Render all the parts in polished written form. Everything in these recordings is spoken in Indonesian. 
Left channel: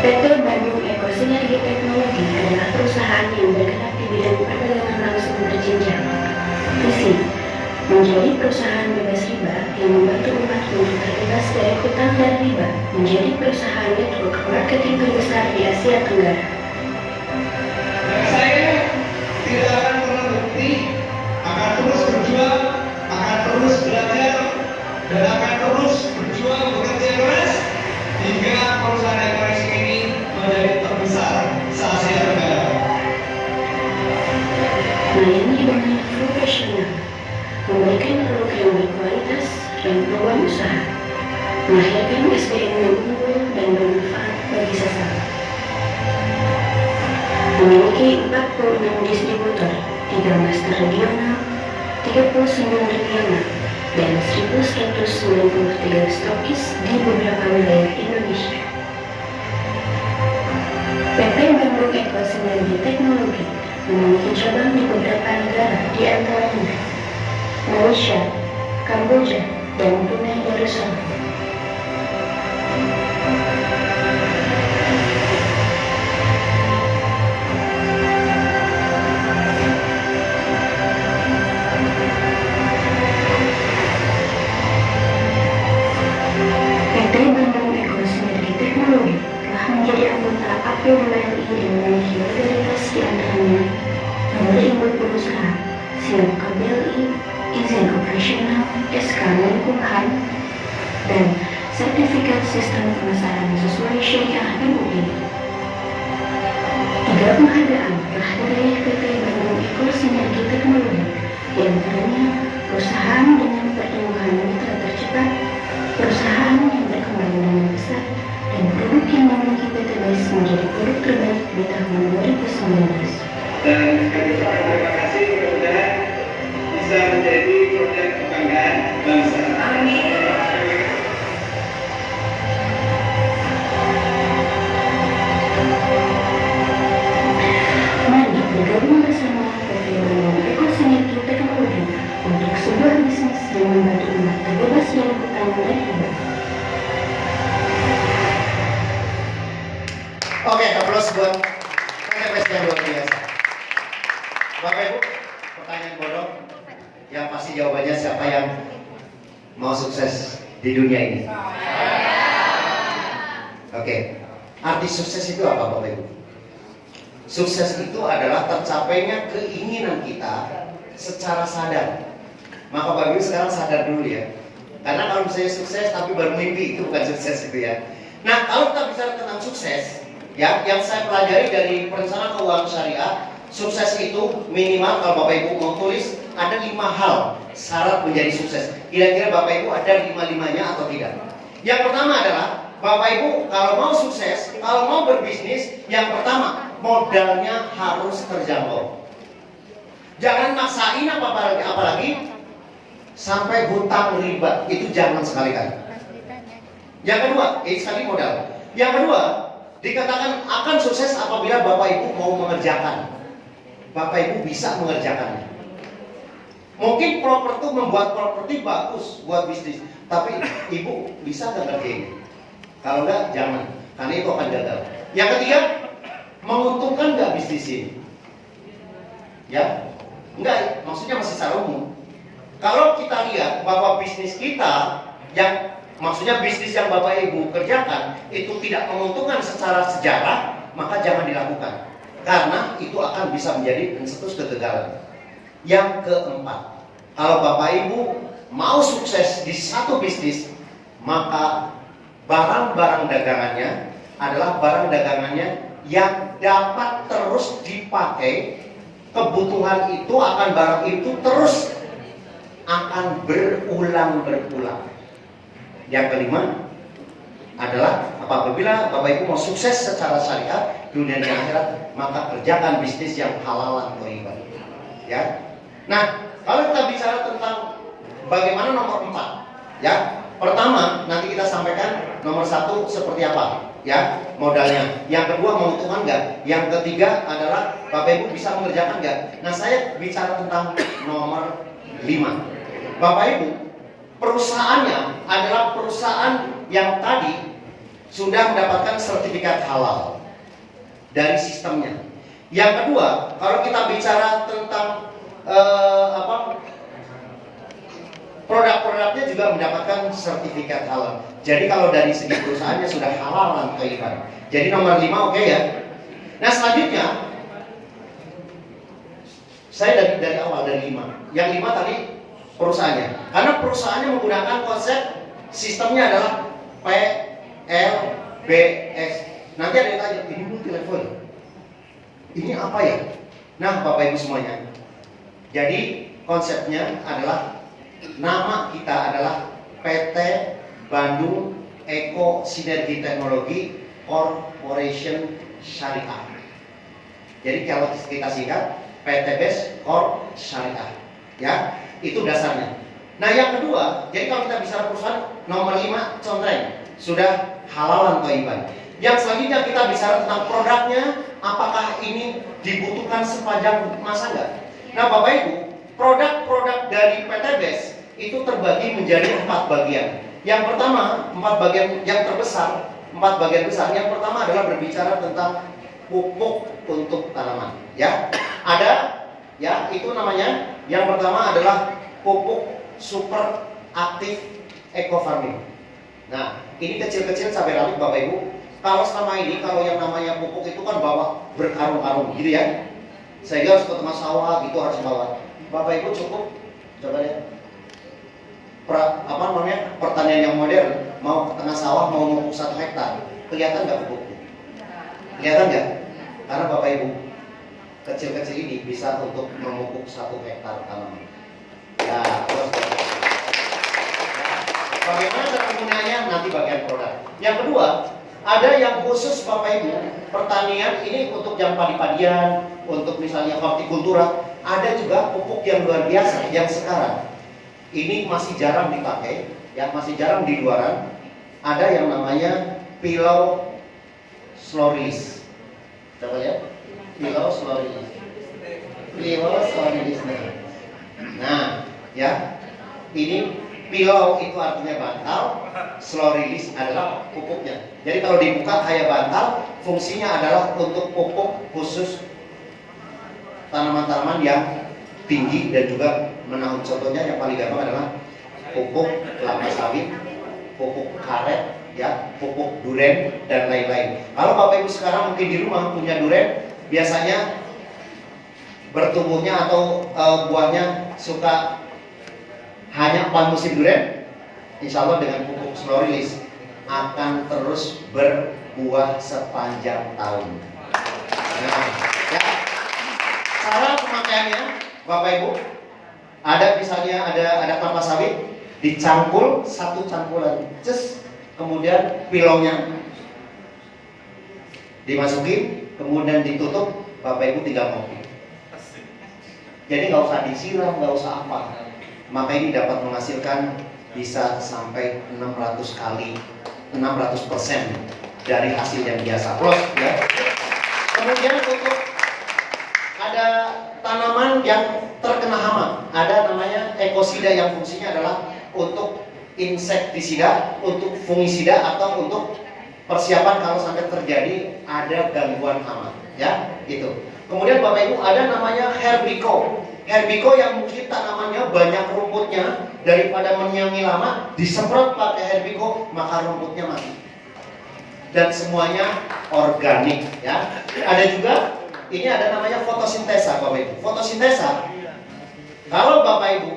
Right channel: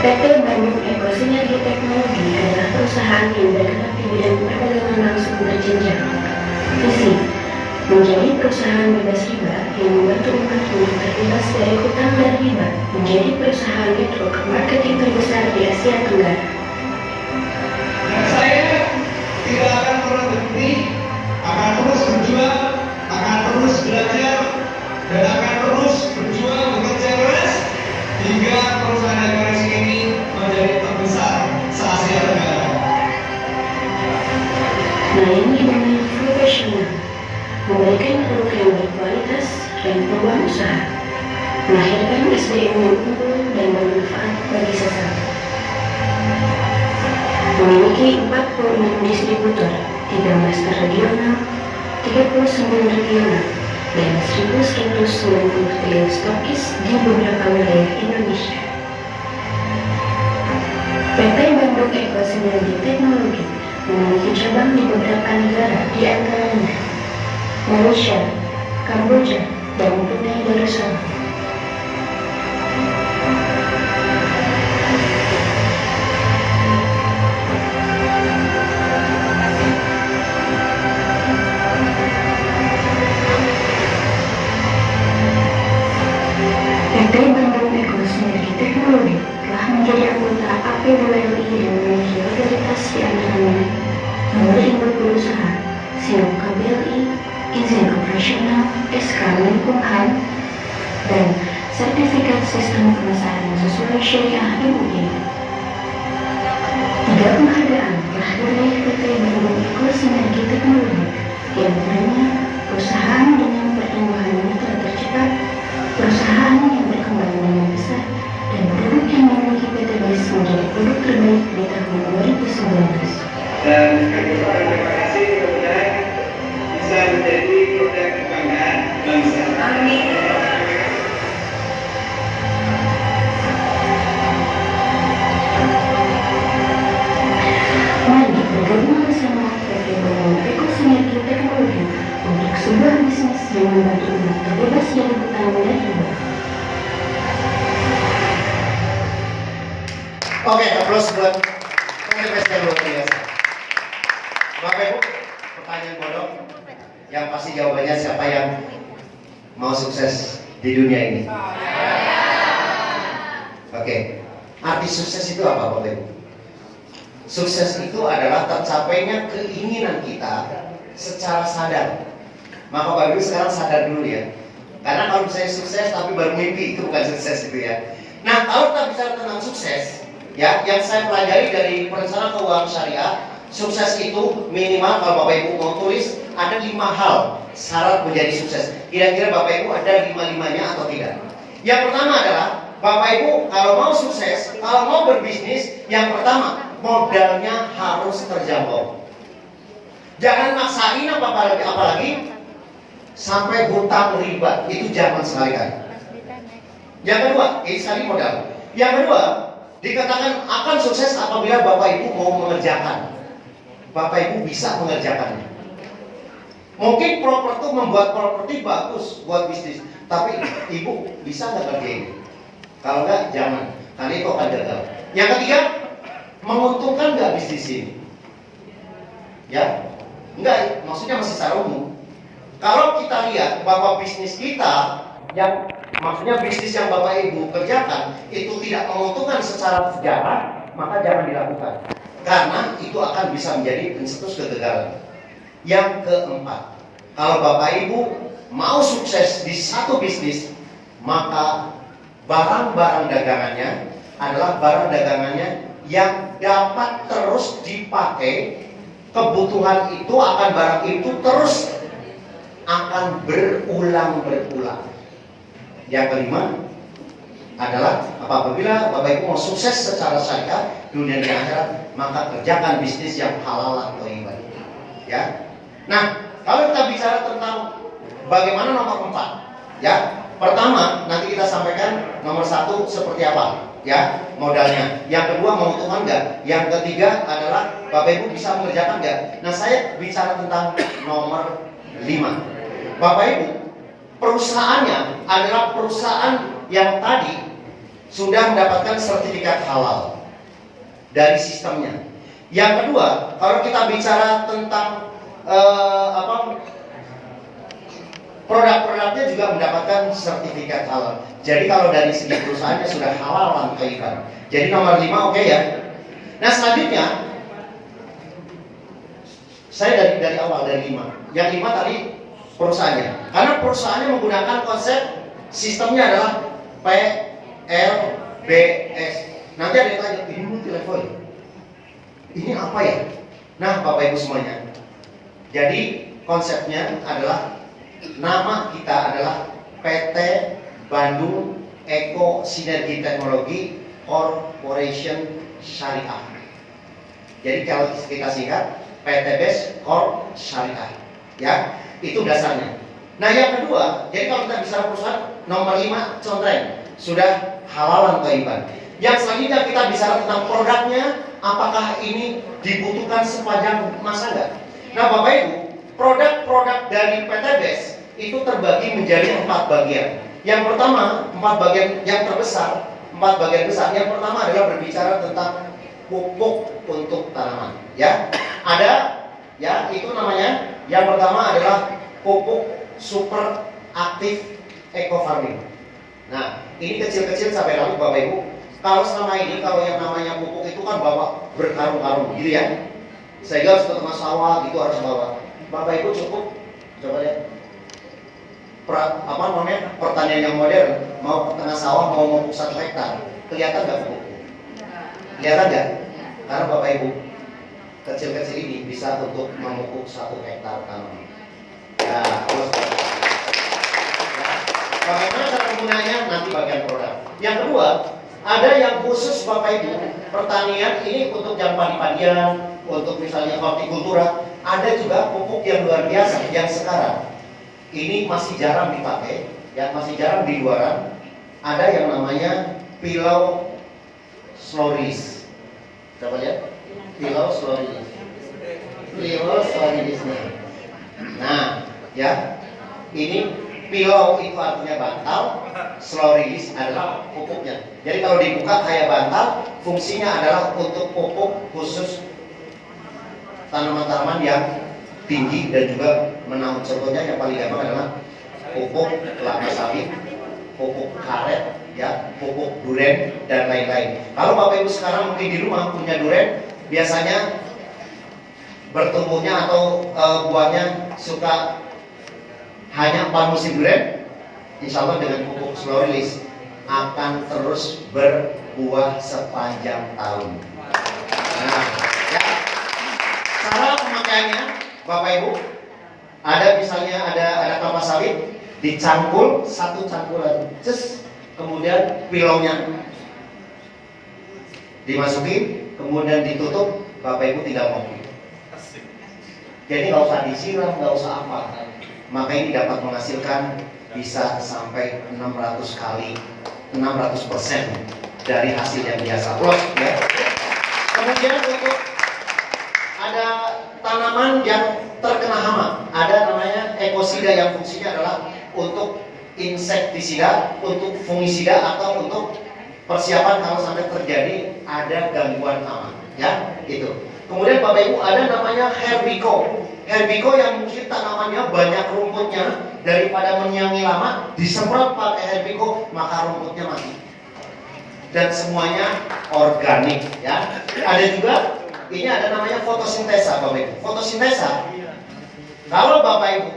PT Bandung Eko Sinergi Teknologi adalah perusahaan yang bergerak di bidang perdagangan langsung berjenjang. Visi menjadi perusahaan bebas riba yang membantu umat untuk terbebas dari hutang dan riba, menjadi perusahaan network marketing terbesar di Asia Tenggara. Dan saya tidak akan pernah berhenti, akan terus berjuang, akan terus belajar, dan akan terus berjuang bekerja keras hingga perusahaan ekonomi ini menjadi terbesar se-Asia Tenggara. Melayani dengan profesional, memberikan produk yang berkualitas dan peluang usaha, melahirkan SDM yang unggul dan bermanfaat bagi sesama. Memiliki 46 distributor, 13 regional, 39 regional, dan 1.193 stokis di beberapa wilayah Indonesia. PT Bandung Eko Sinergi Teknologi memiliki cabang di beberapa negara di antaranya Malaysia, Kamboja, dan Brunei Darussalam. PT Bandung Eko Sinergi Teknologi telah menjadi anggota APWLI yang memiliki otoritas di antaranya nomor induk berusaha, SINOP KBLI, izin operasional, SK Menkumham, dan sertifikat sistem pemasaran sesuai syariah MUI. 3 penghargaan telah diraih PT Bandung Eko Sinergi Teknologi, di antaranya perusahaan dengan pertumbuhan mitra tercepat, perusahaan yang berkembang dengan besar, dan produk yang memiliki PTBS menjadi produk terbaik di tahun 2019. Dan kami ucapkan terima kasih, mudah-mudahan bisa menjadi produk kebanggaan bangsa. Amin. Mari bergabung bersama PT Bandung Eko Sinergi Teknologi untuk sebuah bisnis yang membantu umat terbebas dari hutang dan riba. Oke, aplaus buat PTBS yang luar biasa. Bapak Ibu, pertanyaan bodoh yang pasti jawabannya siapa yang mau sukses di dunia ini? Oke, arti sukses itu apa Bapak Ibu? Sukses itu adalah tercapainya keinginan kita secara sadar. Maka Bapak Ibu sekarang sadar dulu ya. Karena kalau misalnya sukses tapi baru mimpi, itu bukan sukses itu ya. Nah, kalau kita bicara tentang sukses, ya, yang saya pelajari dari perencanaan keuangan syariah, sukses itu minimal kalau Bapak Ibu mau tulis ada 5 hal syarat menjadi sukses. Kira-kira Bapak Ibu ada 5-5-nya atau tidak? Yang pertama adalah Bapak Ibu kalau mau sukses, kalau mau berbisnis, yang pertama modalnya harus terjangkau. Jangan maksain apalagi sampai hutang riba, itu jangan sekali-kali. Yang kedua, ini sekali modal. Yang kedua, dikatakan akan sukses apabila Bapak Ibu mau mengerjakan. Bapak Ibu bisa mengerjakannya. Mungkin membuat properti bagus buat bisnis, tapi Ibu bisa nggak kerjain? Kalau nggak, jangan, karena itu akan gagal. Yang ketiga, menguntungkan nggak bisnis ini? Ya, enggak, maksudnya masih secara umum. Kalau kita lihat bahwa bisnis kita yang maksudnya bisnis yang Bapak Ibu kerjakan itu tidak menguntungkan secara sejarah, maka jangan dilakukan. Karena itu akan bisa menjadi pencetus kegagalan. Yang keempat, kalau Bapak Ibu mau sukses di satu bisnis, maka barang-barang dagangannya adalah barang dagangannya yang dapat terus dipakai. Kebutuhan itu akan barang itu terus akan berulang-berulang. Yang kelima adalah apabila Bapak Ibu mau sukses secara syariah dunia dan akhirat, maka kerjakan bisnis yang halal atau riba. Ya. Nah, kalau kita bicara tentang bagaimana nomor 4, ya. Pertama, nanti kita sampaikan nomor 1 seperti apa, ya, modalnya. Yang kedua, menguntungkan nggak? Yang ketiga adalah Bapak Ibu bisa mengerjakan nggak? Nah, saya bicara tentang nomor 5. Bapak Ibu, perusahaannya adalah perusahaan yang tadi sudah mendapatkan sertifikat halal dari sistemnya. Yang kedua, kalau kita bicara tentang produk-produknya juga mendapatkan sertifikat halal. Jadi kalau dari segi perusahaannya sudah halal dan thayyiban. Jadi nomor 5 oke ya. Nah selanjutnya saya dari awal dari 5. Yang 5 tadi perusahaannya. Karena perusahaannya menggunakan konsep sistemnya adalah PLBS. Nanti ada yang tanya, ini multi level. Ini apa ya? Nah, Bapak Ibu semuanya. Jadi konsepnya adalah nama kita adalah PT Bandung Eko Sinergi Teknologi Corporation Syariah. Jadi kalau kita singkat PTBS Corp Syariah. Ya, itu dasarnya. Nah, yang kedua, jadi kalau kita bicara perusahaan nomor 5 contreng sudah halal dan thayyiban. Yang selanjutnya kita bicara tentang produknya, apakah ini dibutuhkan sepanjang masa enggak? Nah, Bapak Ibu, produk-produk dari PTBS itu terbagi menjadi 4 bagian. Yang pertama, 4 bagian yang terbesar, 4 bagian besar. Yang pertama adalah berbicara tentang pupuk untuk tanaman. Ya, ada, ya itu namanya. Yang pertama adalah pupuk super aktif eco farming. Nah, ini kecil-kecil sampai lalu Bapak Ibu. Kalau selama ini kalau yang namanya pupuk itu kan bawa berkarung-karung gitu ya. Sehingga harus ke tengah sawah gitu harus bawa. Bapak Ibu cukup coba lihat. Pertanian yang modern, mau ke tengah sawah mau memupuk 1 hektar, kelihatan nggak pupuk? Kelihatan nggak? Karena Bapak Ibu kecil-kecil ini bisa untuk memupuk 1 hektar tanaman. Ya, terus bagaimana cara menggunakannya nanti bagian produk. Yang kedua, ada yang khusus Bapak Ibu, pertanian ini untuk yang padi-padian, untuk misalnya hortikultura. Ada juga pupuk yang luar biasa yang sekarang ini masih jarang dipakai, yang masih jarang di luaran. Ada yang namanya pilau slow release. Coba lihat, pilau slow release. Pilau slow release. Nah, ya, ini pilau itu artinya bantal, slow release adalah pupuknya. Jadi kalau dibuka kayak bantal, fungsinya adalah untuk pupuk khusus tanaman-tanaman yang tinggi dan juga menaun. Contohnya yang paling gampang adalah pupuk kelapa sawit, pupuk karet, ya, pupuk duren dan lain-lain. Kalau Bapak Ibu sekarang mungkin di rumah punya duren, biasanya bertumbuhnya atau buahnya suka hanya 4 musim duren. Insya Allah dengan pupuk slow release akan terus berbuah sepanjang tahun. Nah, ya, cara pemakaiannya Bapak Ibu, ada misalnya ada kelapa sawit, dicangkul 1 cangkulan, kemudian pilaunya dimasukin, kemudian ditutup, Bapak Ibu tinggal ngopi. Jadi nggak usah disiram, nggak usah apa. Maka ini dapat menghasilkan bisa sampai 600 kali, 600% dari hasil yang biasa. Plus, ya. Kemudian untuk ada tanaman yang terkena hama, ada namanya ekosida yang fungsinya adalah untuk insektisida, untuk fungisida atau untuk persiapan kalau sampai terjadi ada gangguan hama, ya itu. Kemudian Bapak Ibu ada namanya herbiko. Herbiko yang mungkin tanamannya banyak rumputnya, daripada menyangi lama disemprot pakai herbiko maka rumputnya mati. Dan semuanya organik, ya. Ada juga ini ada namanya fotosintesa, Bapak Ibu. Fotosintesa, kalau Bapak Ibu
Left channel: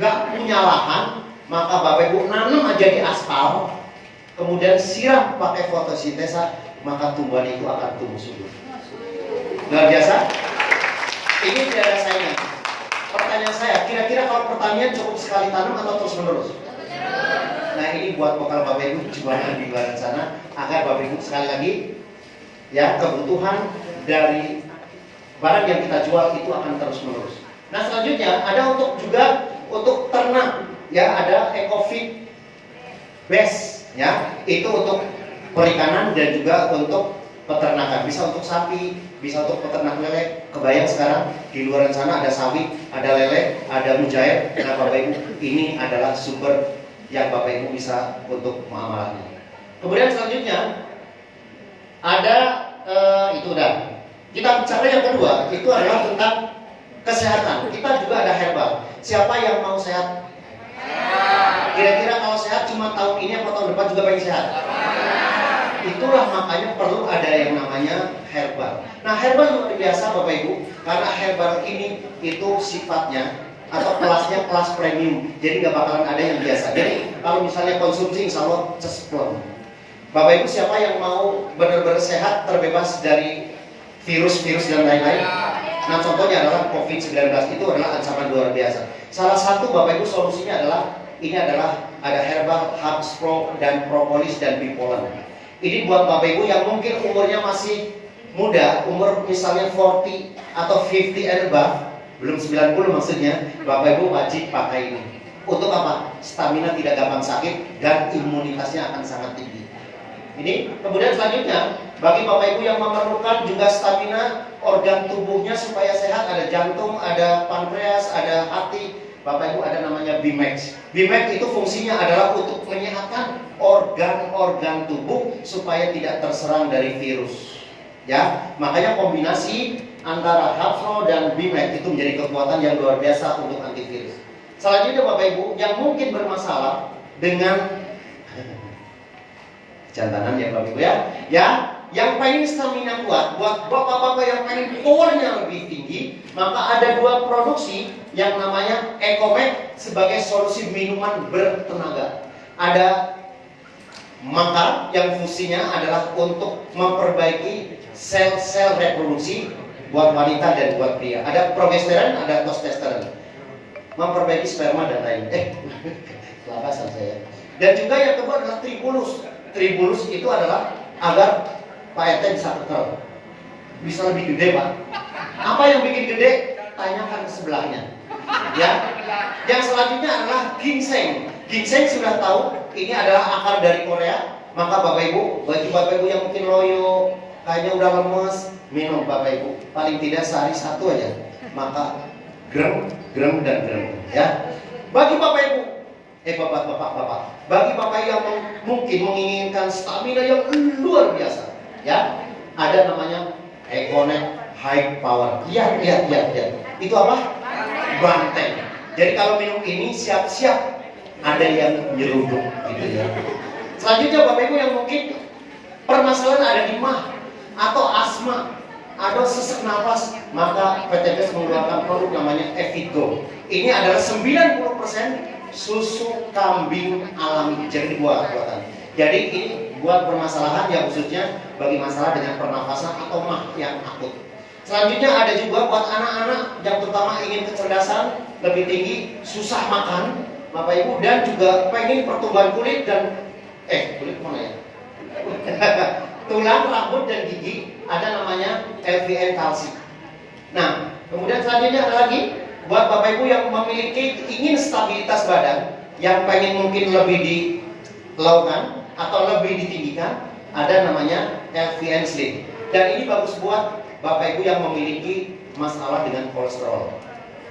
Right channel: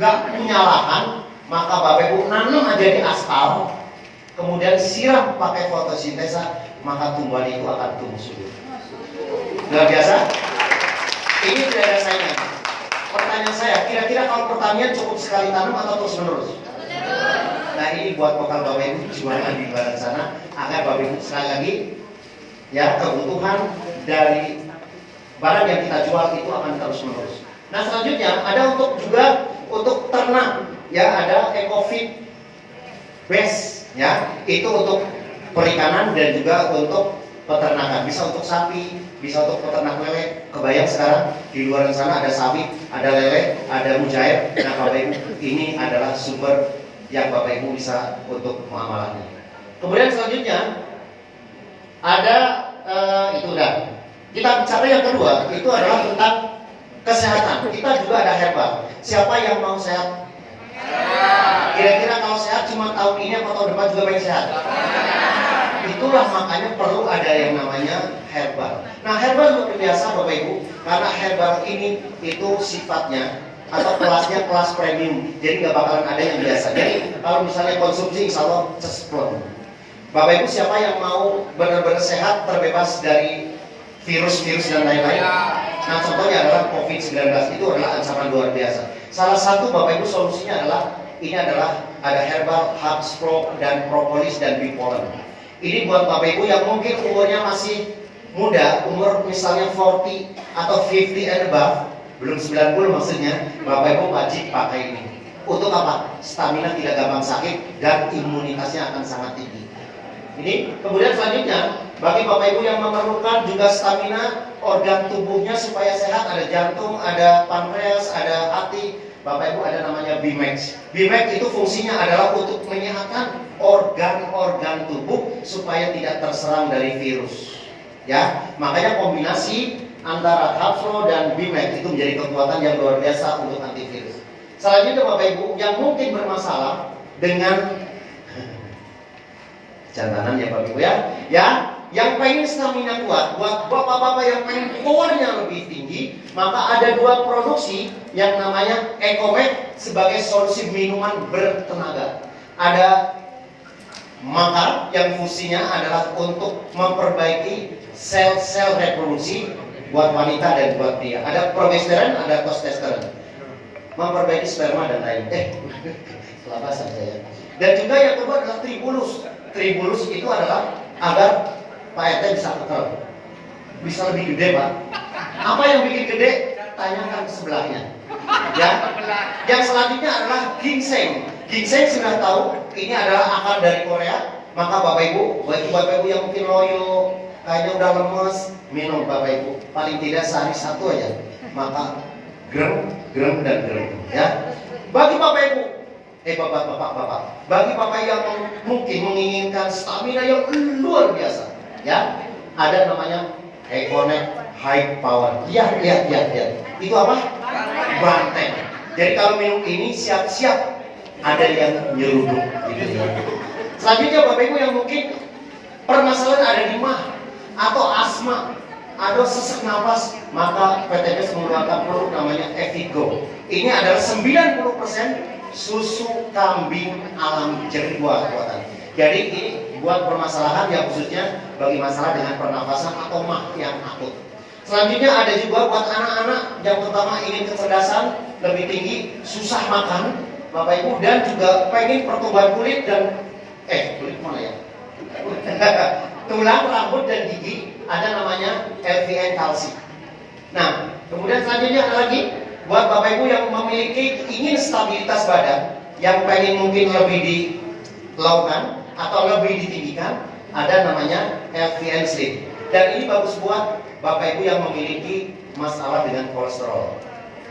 nggak punya lahan, maka Bapak Ibu nanam aja di aspal, kemudian siram pakai fotosintesa, maka tumbuhan itu akan tumbuh subur. Luar biasa. Ini tidak ada saingan. Pertanyaan saya, kira-kira kalau pertanian cukup sekali tanam atau terus menerus? Nah, ini buat bekal Bapak Ibu jualan di luar sana, agar Bapak Ibu sekali lagi, ya, kebutuhan dari barang yang kita jual itu akan terus menerus. Nah, selanjutnya ada untuk juga untuk ternak, ya, ada EcoFeed base, ya, itu untuk perikanan dan juga untuk peternakan. Bisa untuk sapi, bisa untuk peternak lele. Kebayang sekarang di luar sana ada sapi, ada lele, ada mujair. Nah, Bapak Ibu, ini adalah sumber yang Bapak Ibu bisa untuk muamalahnya. Kemudian selanjutnya ada itu udah. Kita bicara yang kedua, itu adalah tentang kesehatan. Kita juga ada herbal. Siapa yang mau sehat? Kira-kira kalau sehat cuma tahun ini atau tahun depan juga baik sehat? Itulah makanya perlu ada yang namanya herbal. Nah, herbal luar biasa Bapak Ibu, karena herbal ini itu sifatnya atau kelasnya kelas premium. Jadi nggak bakalan ada yang biasa. Jadi kalau misalnya konsumsi insya Allah cesplon. Bapak Ibu siapa yang mau benar-benar sehat, terbebas dari virus-virus dan lain-lain? Nah, contohnya adalah COVID-19, itu adalah ancaman luar biasa. Salah satu Bapak Ibu solusinya adalah ini adalah ada herbal, herbs pro dan propolis dan bee pollen. Ini buat Bapak Ibu yang mungkin umurnya masih muda, umur misalnya 40 atau 50 and above, belum 90 maksudnya, Bapak Ibu wajib pakai ini. Untuk apa? Stamina tidak gampang sakit dan imunitasnya akan sangat tinggi. Ini kemudian selanjutnya bagi Bapak Ibu yang memerlukan juga stamina organ tubuhnya supaya sehat, ada jantung, ada pankreas, ada hati. Bapak Ibu ada namanya Bimax. Bimax itu fungsinya adalah untuk menyehatkan organ-organ tubuh supaya tidak terserang dari virus. Ya, makanya kombinasi antara Hapro dan Bimax itu menjadi kekuatan yang luar biasa untuk antivirus. Selanjutnya Bapak Ibu yang mungkin bermasalah dengan jantanan ya Bapak Ibu ya, yang pengen stamina kuat, buat bapak-bapak yang pengen powernya lebih tinggi, maka ada dua produksi yang namanya Ecomed sebagai solusi minuman bertenaga. Ada Makar yang fungsinya adalah untuk memperbaiki sel-sel reproduksi buat wanita dan buat pria. Ada progesteron, ada testosteron, memperbaiki sperma dan lain. Kelabasan saya. Dan juga yang kedua adalah Tribulus. Tribulus itu adalah agar Pak RT bisa kekel, bisa lebih gede Pak. Apa yang bikin gede? Tanyakan sebelahnya. Ya. Yang selanjutnya adalah ginseng. Ginseng sudah tahu ini adalah akar dari Korea. Maka Bapak Ibu, bagi Bapak Ibu yang mungkin loyo, kayaknya udah lemes, minum Bapak Ibu. Paling tidak sehari satu aja. Maka grem dan grem. Ya. Bagi Bapak Ibu, bapak-bapak, bagi bapak yang mungkin menginginkan stamina yang luar biasa, ya, ada namanya Econet High Power. Ya. Itu apa? Banteng. Jadi kalau minum ini siap-siap ada yang nyeruduk. Gitu. Selanjutnya Bapak Ibu yang mungkin permasalahan ada di mah atau asma, ada sesak nafas, maka PTBS mengeluarkan produk namanya Evigo. Ini adalah 90% susu kambing alami, jadi buatan. Jadi ini buat permasalahan yang khususnya bagi masalah dengan pernafasan atau mah yang akut. Selanjutnya ada juga buat anak-anak yang terutama ingin kecerdasan lebih tinggi, susah makan, Bapak Ibu, dan juga pengen pertumbuhan kulit dan kulit mana ya? Tulang, rambut dan gigi, ada namanya LVN kalsi. Nah, kemudian selanjutnya ada lagi buat Bapak Ibu yang memiliki ingin stabilitas badan, yang pengen mungkin lebih dilaukan atau lebih ditinggikan, ada namanya LVN Slim. Dan ini bagus buat Bapak Ibu yang memiliki masalah dengan kolesterol.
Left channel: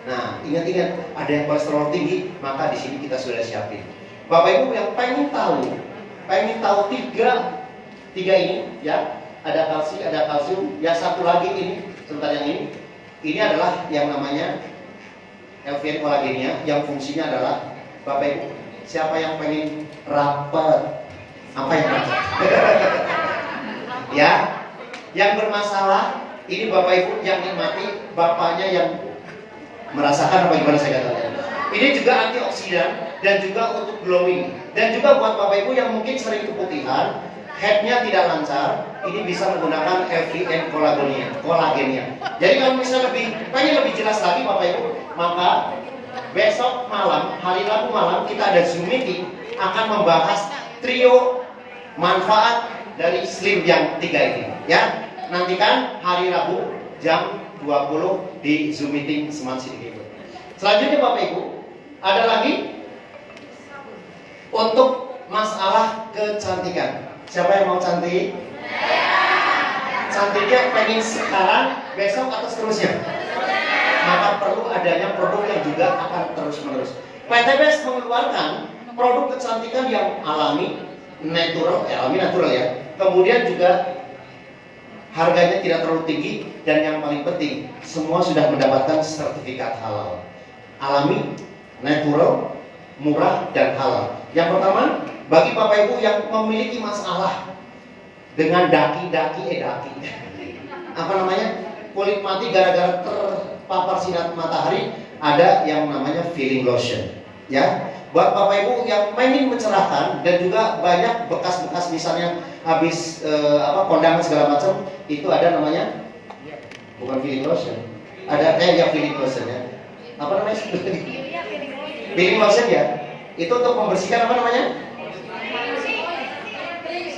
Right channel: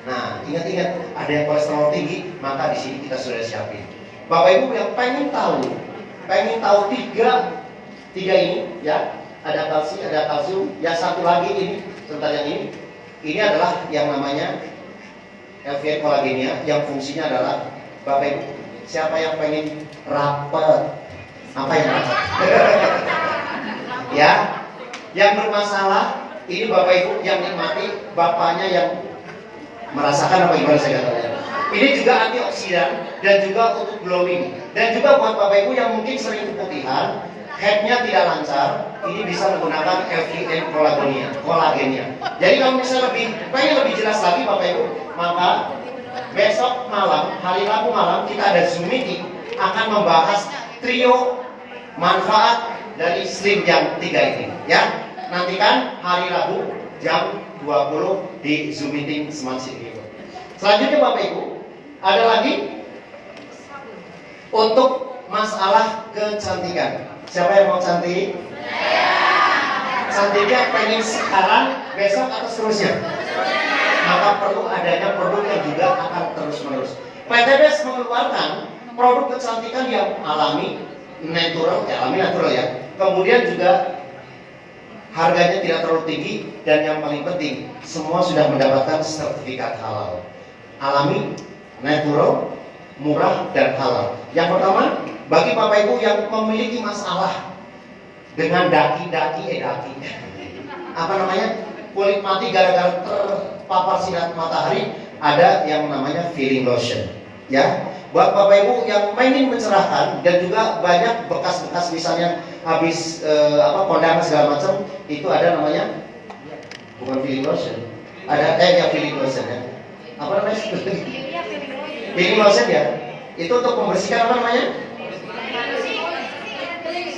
Nah, ingat-ingat ada yang kolesterol tinggi, maka di sini kita sudah siapin. Bapak Ibu yang pengen tahu tiga ini, ya, ada kalsium, ya satu lagi ini, sebentar yang ini adalah yang namanya LVN kolagennya, yang fungsinya adalah Bapak Ibu, siapa yang pengen rapat? Apa yang rapat? Ya, yang bermasalah ini Bapak Ibu yang nikmati, bapaknya yang merasakan apa gimana saya katakan. Ini juga antioksidan dan juga untuk glowing. Dan juga buat Bapak Ibu yang mungkin sering keputihan, headnya tidak lancar, ini bisa menggunakan LVN kolagennya. Jadi kalau misalnya pengen lebih jelas lagi Bapak Ibu, maka besok malam, hari Rabu malam kita ada Zoom meeting akan membahas trio manfaat dari Slim yang 3 ini. Ya, nantikan hari Rabu jam 20 di Zoom meeting Smart City. Selanjutnya Bapak Ibu, ada lagi untuk masalah kecantikan. Siapa yang mau cantik? Cantiknya pengen sekarang, besok atau seterusnya? Maka perlu adanya produk yang juga akan terus-menerus. PTBS mengeluarkan produk kecantikan yang alami, natural, alami natural ya. Kemudian juga harganya tidak terlalu tinggi, dan yang paling penting semua sudah mendapatkan sertifikat halal. Alami, natural, murah, dan halal. Yang pertama, bagi Bapak Ibu yang memiliki masalah dengan daki, apa namanya, kulit mati gara-gara terpapar sinar matahari, ada yang namanya feeling lotion. Ya, buat Bapak Ibu yang ingin mencerahkan dan juga banyak bekas-bekas misalnya habis kondangan segala macam, itu ada namanya, bukan feeling lotion, ada ya feeling lotion ya. Apa namanya? Feeling lotion ya. Itu untuk membersihkan apa namanya?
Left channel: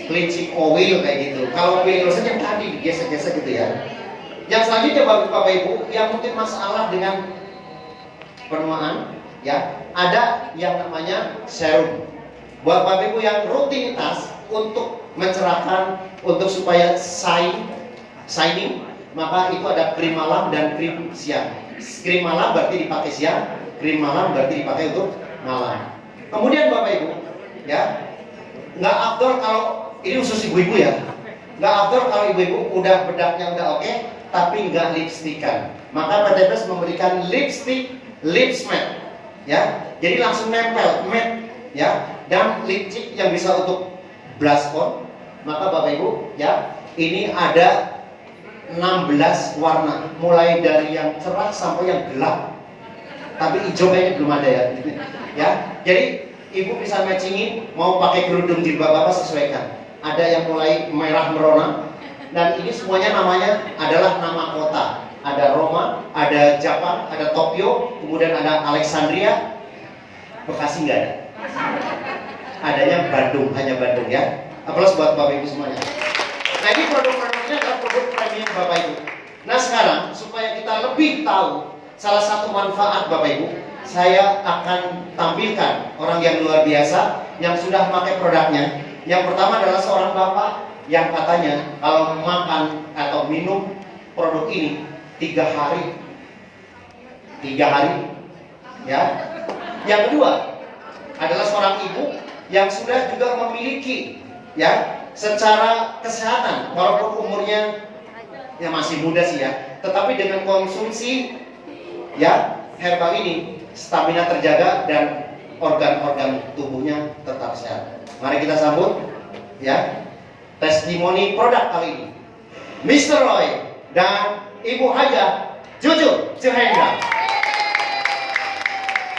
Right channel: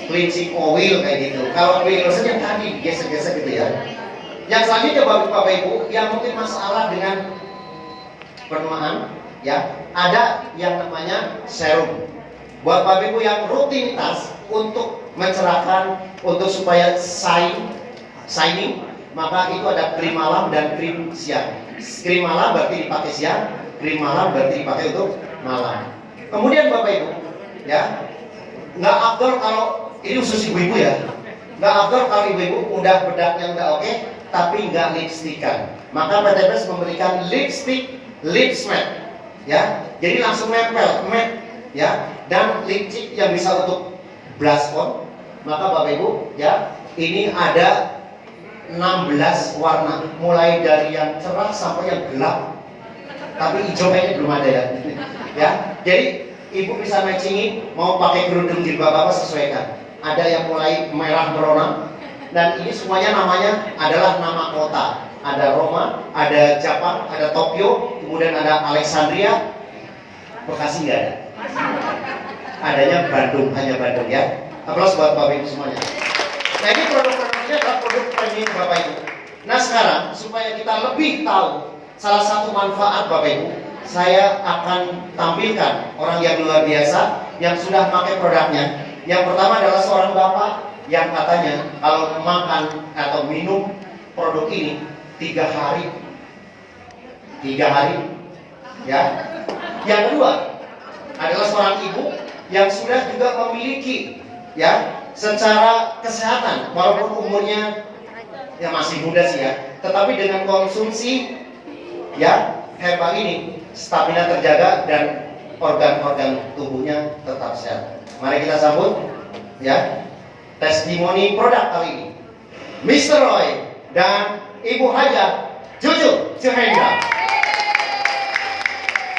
Cleansing oil kayak gitu. Kalau feeling lotion yang tadi gesek-gesek gitu ya. Yang selanjutnya bagi Bapak Ibu yang mungkin masalah dengan penuaan, ya, ada yang namanya serum. Buat Bapak Ibu yang rutinitas untuk mencerahkan, untuk supaya shining, maka itu ada krim malam dan krim siang. Krim malam berarti dipakai siang, krim malam berarti dipakai untuk malam. Kemudian Bapak Ibu, ya, nggak afdol kalau ini khusus ibu-ibu ya. Nggak afdol kalau ibu-ibu udah bedaknya udah oke, tapi nggak lipstikan. Maka PTPS memberikan lipstick lips matte, ya. Jadi langsung nempel matte, ya. Dan lipstick yang bisa untuk blush on. Maka Bapak Ibu, ya, ini ada 16 warna, mulai dari yang cerah sampai yang gelap. Tapi hijau kayaknya belum ada ya. Ya, jadi ibu bisa matchingin, mau pakai kerudung jilbab apa sesuaikan. Ada yang mulai merah merona, dan ini semuanya namanya adalah nama kota. Ada Roma, ada Jepang, ada Tokyo, kemudian ada Alexandria. Bekasi nggak ada. Adanya Bandung, hanya Bandung ya. Aplaus buat Bapak Ibu semuanya. Nah, ini produk-produknya adalah produk premium Bapak Ibu. Nah, sekarang supaya kita lebih tahu salah satu manfaat Bapak Ibu, saya akan tampilkan orang yang luar biasa yang sudah pakai produknya. Yang pertama adalah seorang bapak yang katanya kalau makan atau minum produk ini 3 hari, ya. Yang kedua adalah seorang ibu yang sudah juga memiliki, ya, secara kesehatan, walaupun umurnya ya masih muda sih ya, tetapi dengan konsumsi, ya, herbal ini stamina terjaga dan organ-organ tubuhnya tetap sehat. Mari kita sambut, ya, testimoni produk kali ini, Mr. Roy dan Ibu Haja Juju Juhendra.